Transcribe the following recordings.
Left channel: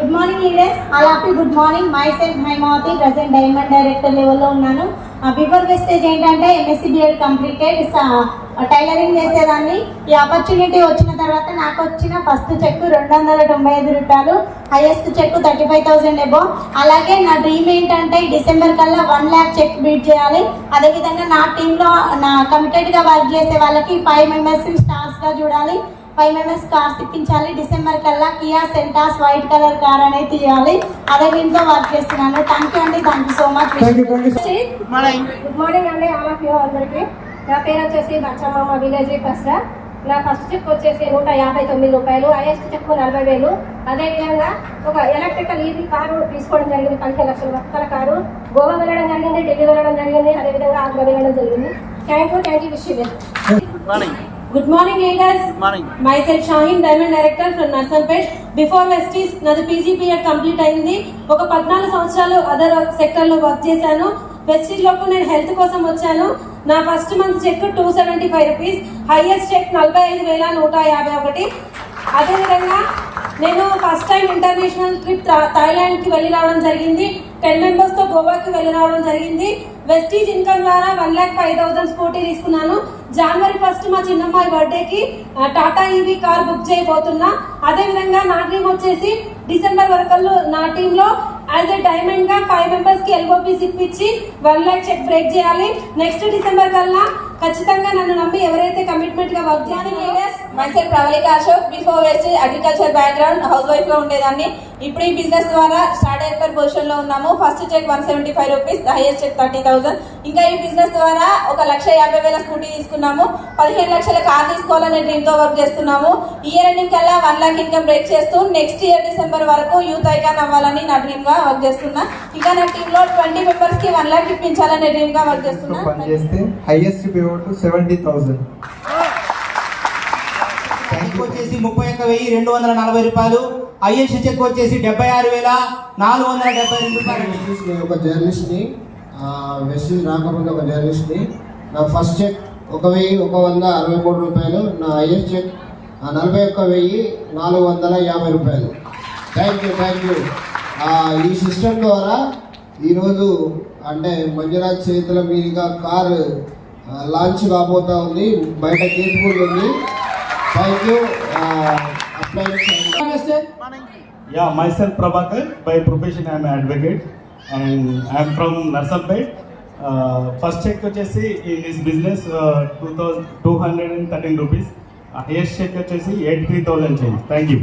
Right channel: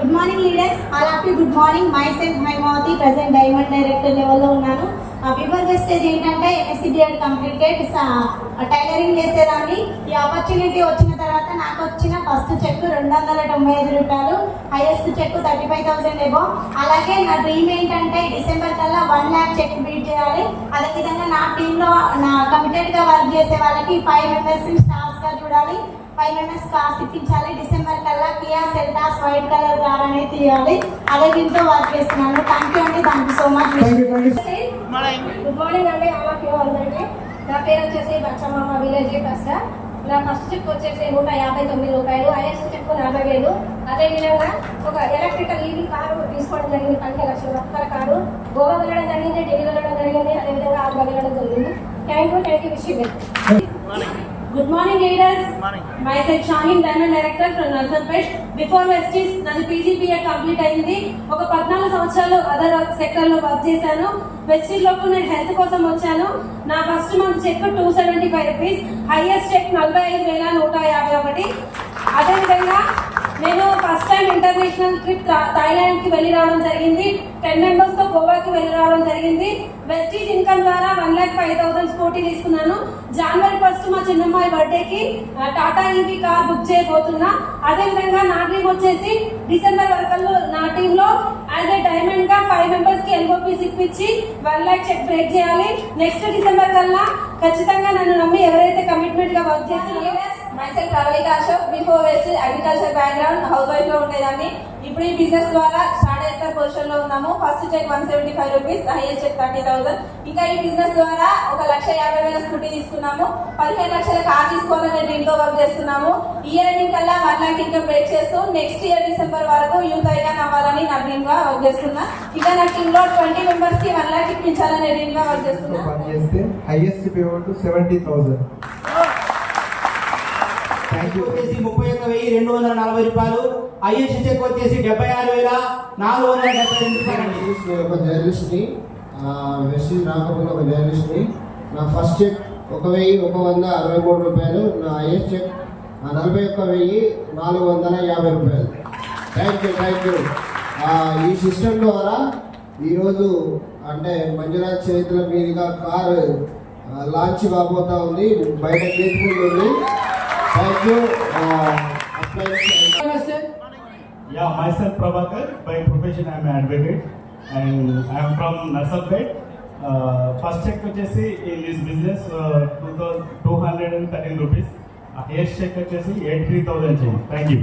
Good morning leaders, all of you good morning. Myself Haimavathi, present diamond director లెవెల్లో ఉన్నాను. Before Vestige ఏంటంటే MSc BEd completed, tailoring చేసేదాన్ని. ఈ opportunity వచ్చిన తర్వాత నాకు వచ్చిన ఫస్ట్ చెక్ 295 రూపాయలు, హైయెస్ట్ చెక్ 35,000 ఎబో. అలాగే నా డ్రీమ్ ఏంటంటే డిసెంబర్ కల్లా 1 lakh చెక్ బీట్ చేయాలి. అదేవిధంగా నా టీంలో నా కమిటెడ్గా వర్క్ చేసే వాళ్ళకి 5 మెంబర్స్ని స్టార్స్గా చూడాలి, 5 members కార్స్ ఇప్పించాలి. డిసెంబర్ కల్లా Kia Seltos white colour car అనేది తీయాలి. అదే దీంతో వర్క్ చేస్తున్నాను. థ్యాంక్ యూ అండి, thank you so much. Good morning అండి ఆల్ ఆఫ్ యూ అందరికీ. నా పేరు వచ్చేసి బచ్చమ్మ, విలేజ్ కస్రా. నా ఫస్ట్ చెక్ వచ్చేసి 159 రూపాయలు, హైయెస్ట్ చెక్ 40,000. అదేవిధంగా ఒక ఎలక్ట్రికల్ ఈవీ కారు తీసుకోవడం జరిగింది. 15 లక్షల రూపాయల కారు. గోవా వెళ్ళడం జరిగింది, ఢిల్లీ వెళ్ళడం జరిగింది, అదేవిధంగా ఆగ్రా వెళ్ళడం జరిగింది. Thank you wish you well. Good morning leaders. Morning. Myself Shaheen, Diamond Director from Narsanpet. Before Vestige నాది PGPED కంప్లీట్ అయింది. ఒక 14 సంవత్సరాలు అదర్ సెక్టర్ లో వర్క్ చేశాను. వెస్టీజ్ లోకి నేను హెల్త్ కోసం వచ్చాను. నా first month cheque 275 rupees, highest cheque 45,151. అదేవిధంగా నేను first time international trip Thailand కి వెళ్ళి రావడం జరిగింది. 10 members తో గోవాకి వెళ్ళి రావడం జరిగింది. వెస్టీజ్ ఇన్కమ్ ద్వారా 1,05,000 స్కూటీ తీసుకున్నాను. జనవరి 1 మా చిన్నమ్మాయి బర్త్డేకి టాటా ఈవీ కార్ బుక్ చేయబోతున్నా. అదేవిధంగా నా డ్రీమ్ వచ్చేసి డిసెంబర్ వరకు నా టీంలో యాజ్ ఎ డైమండ్ గా 5 members కి ఎల్ఓపీస్ ఇప్పించి 1 lakh చెక్ బ్రేక్ చేయాలి. నెక్స్ట్ డిసెంబర్ కల్లా ఖచ్చితంగా నన్ను నమ్మి ఎవరైతే కమిట్మెంట్ గా వర్క్ చేస్తున్నారో. Myself Pravalika Ashok. Before Vestige agriculture background, housewife గా ఉండేదాన్ని. ఇప్పుడు ఈ బిజినెస్ ద్వారా స్టార్ డైరెక్టర్ పొజిషన్ లో ఉన్నాము. First cheque 175 rupees, highest cheque 30,000. ఇంకా ఈ బిజినెస్ ద్వారా 1,50,000 స్కూటీ తీసుకున్నాము. 15 లక్షల కార్ తీసుకోవాలనే డ్రీమ్ తో వర్క్ చేస్తున్నాము. ఇయర్ ఎండింగ్ కల్లా 1 lakh ఇన్కమ్ బ్రేక్ చేస్తూ నెక్స్ట్ ఇయర్ డిసెంబర్ వరకు యూత్ ఐకాన్ అవ్వాలని నా డ్రీమ్ గా వర్క్ చేస్తున్నా. ఇంకా నా టీమ్ లో 20 members కి 1 lakh ఇప్పించాలనే డ్రీమ్ గా వర్క్ చేస్తున్నా. Highest payment 70,000. చెక్ వచ్చేసి 31,240 రూపాయలు, హైయెస్ట్ చెక్ వచ్చేసి 76,472 రూపాయలు. ఒక జర్నలిస్ట్ని, వెస్టీజ్ రాకపోతే ఒక జర్నలిస్ట్ని. నా ఫస్ట్ చెక్ 1,163 రూపాయలు, నా హైయెస్ట్ చెక్ 41,450 రూపాయలు. Thank you. ఈ సిస్టమ్ ద్వారా ఈరోజు అంటే మంజునాథ్ చేతుల మీదుగా కారు లాంచ్ కాబోతా ఉంది. బయట కేసుఫుల్ ఉంది. Thank you. Yeah, myself Prabhakar. By profession I am an advocate and I am from Narsanpet. First check వచ్చేసి in this business 2,213 rupees. Highest check వచ్చేసి 83,000 change. Thank you.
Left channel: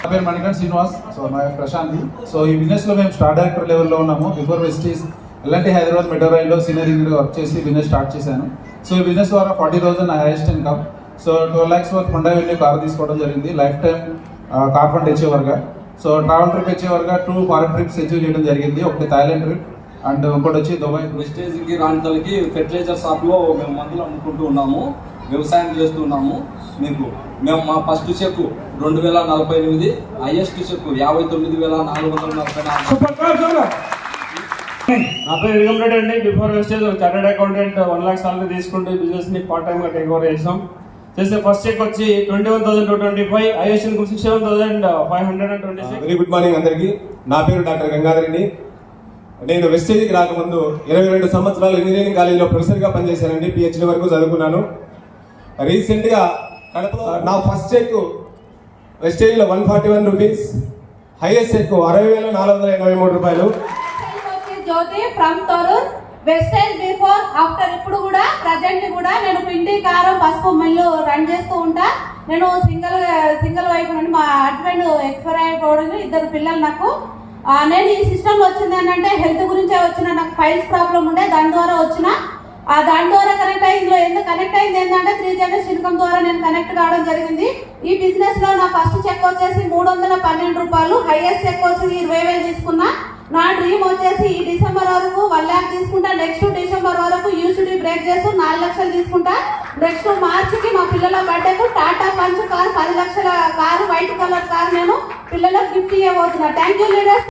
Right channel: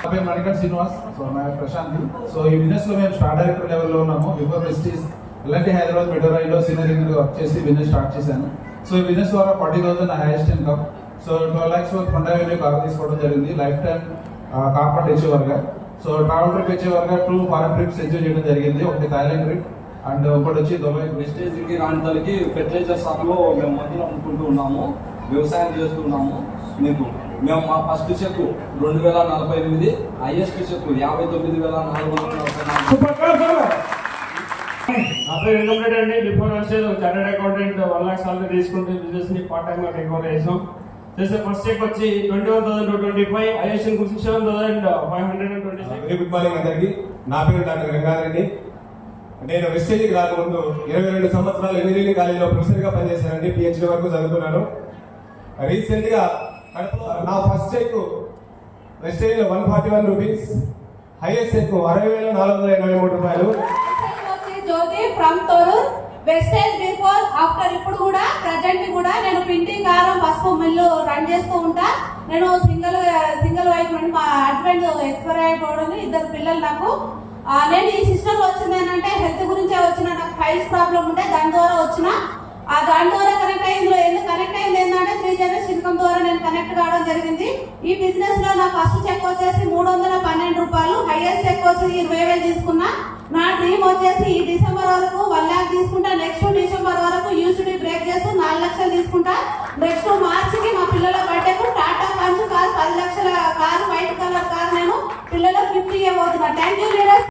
నా పేరు మణికంఠ శ్రీనివాస్. సో నా ప్రశాంతి. సో ఈ బిజినెస్లో మేము స్టార్ డైరెక్టర్ లెవెల్లో ఉన్నాము. Before Vestige LNT Hyderabad metro రైల్లో సీనియర్ ఇంజనీర్గా వర్క్ చేసి బిజినెస్ స్టార్ట్ చేశాను. సో ఈ బిజినెస్ ద్వారా 40,000 నా హైయెస్ట్ ఇన్కమ్. సో 12 lakhs వరకు హోండా వెన్యూ కార్ తీసుకోవడం జరిగింది. లైఫ్ టైం కార్ ఫండ్ అచీవర్గా. సో ట్రావెల్ ట్రిప్ అచీవర్గా 2 ఫారెన్ ట్రిప్స్ అచీవ్ చేయడం జరిగింది. ఒకటి థాయిలాండ్ ట్రిప్ అండ్ ఇంకోటి వచ్చి దుబాయ్. వెస్టేజ్కి రాణితలకి ఫెర్టిలైజర్ షాప్లో మేము మందులు అమ్ముకుంటూ ఉన్నాము, వ్యవసాయం చేస్తున్నాము. మేము మా ఫస్ట్ చెక్ 2,048, హైయెస్ట్ చెక్ 59,444. నా పేరు విగమ్ రెడ్డి అండి. Before Vestige chartered accountant 1 lakh salary తీసుకుంటూ బిజినెస్ ని పార్ట్ టైమ్ గా టేక్ ఓవర్ చేసాం. చేసే ఫస్ట్ చెక్ వచ్చి 21,225, highest income 67,526. Very good morning అందరికీ. నా పేరు డాక్టర్ గంగాధరెడ్డి. నేను వెస్టేజ్కి రాకముందు 22 సంవత్సరాలు ఇంజనీరింగ్ కాలేజీలో ప్రొఫెసర్గా పనిచేశానండి. PhD వరకు చదువుకున్నాను. రీసెంట్గా నా ఫస్ట్ చెక్ వెస్టేజ్లో 141 రూపీస్, హైయెస్ట్ చెక్ 60,483 రూపాయలు. Jyothi from Thorrur. Vestige before after ఇప్పుడు కూడా ప్రజెంట్ కూడా నేను పిండి కారం పసుపు మిల్లు రన్ చేస్తూ ఉంటా. నేను సింగిల్ వైఫ్ అండి. మా హస్బెండ్ ఎక్స్పైర్ అయిపోవడం, 2 పిల్లలు నాకు. నేను ఈ సిస్టమ్ వచ్చిందని అంటే హెల్త్ గురించే వచ్చిన. నాకు ఫైల్స్ ప్రాబ్లం ఉండే, దాని ద్వారా వచ్చిన. దాని ద్వారా కనెక్ట్ అయ్యి ఇందులో ఎందుకు కనెక్ట్ అయింది ఏంటంటే 3 generation ఇన్కమ్ ద్వారా నేను కనెక్ట్ కావడం జరిగింది. ఈ బిజినెస్ లో నా ఫస్ట్ చెక్ వచ్చేసి 312 రూపాయలు, హైయెస్ట్ చెక్ వచ్చి 20,000 తీసుకున్నా. నా డ్రీమ్ వచ్చేసి ఈ డిసెంబర్ వరకు 1 lakh తీసుకుంటా. నెక్స్ట్ డిసెంబర్ వరకు యూసిటీ బ్రేక్ చేస్తూ 4 లక్షలు తీసుకుంటా. నెక్స్ట్ మార్చికి మా పిల్లల బర్త్డేకు టాటా పంచ్ కార్ 10 లక్షల కారు, వైట్ కలర్ కార్ నేను పిల్లలకు గిఫ్ట్ ఇవ్వబోతున్నా. Thank you leaders.